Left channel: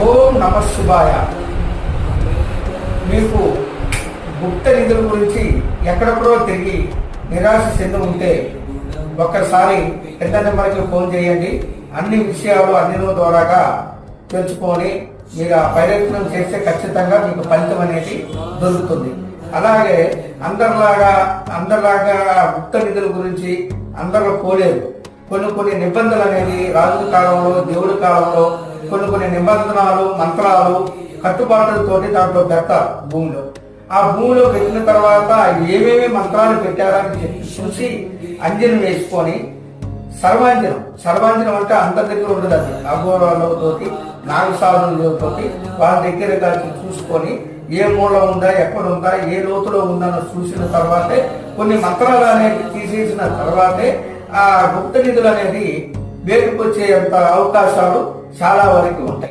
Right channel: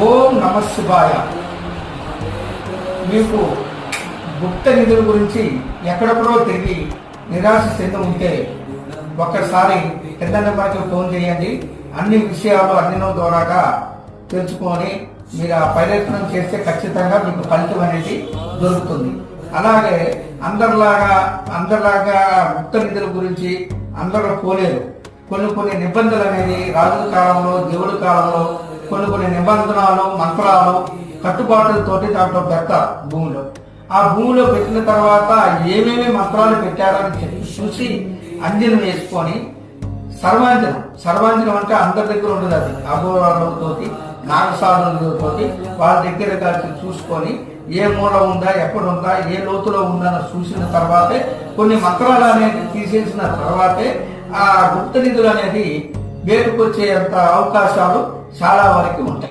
ఓం నమ శివాయ. మీకు గుప్త నిధుల గురించి ఎక్కడెక్కడో తిరిగి నిరాశ చెంది ఉంటే ఒక్కసారి పెద్ద నెంబర్కి ఫోన్ చేయండి. అన్ని విషయాలు అన్నిలో ద్వారాగా తెలుసుకొని మీరు ఆ ప్రయత్నం చేస్తే ఖచ్చితంగా మీకు ఫలితం అనేది దొరుకుతుంది. అలాగే అందరిలాగా గుప్త నిధుల గురించి అందరూ కోలేరు. కొన్ని నిబంధనలు అనేది రాజుల కాలంలో, దేవుడి కాలంలో కొన్ని నిబంధనలు, మంత్రాలు, కట్టుబాట్లతోటి దాంట్లో పెడతారు భూమిలో. ఆ భూమిలో పెట్టిన తర్వాత ఏమేమి మంత్రాలు పెట్టారని చెప్పి చూసి అంజనం వేసుకొని సర్వాంజనం అంటే అందరి దగ్గర ఉండదు. అది అఘోరాలతోటి, నాగసాధులతోటి వాళ్ళ దగ్గర చూసుకొని ఏ మూల ఉందా, ఎక్కడ ఉందా, ఏ లోతులో ఉందని చూసిన తర్వాతే కొన్ని మంత్రాలు అనేవి తీసేసిన తర్వాతే ఆ గుప్త నిధులు అనేది వేటుకొచ్చే అవకాశాలు చాలా వరకు ఉంటాయి.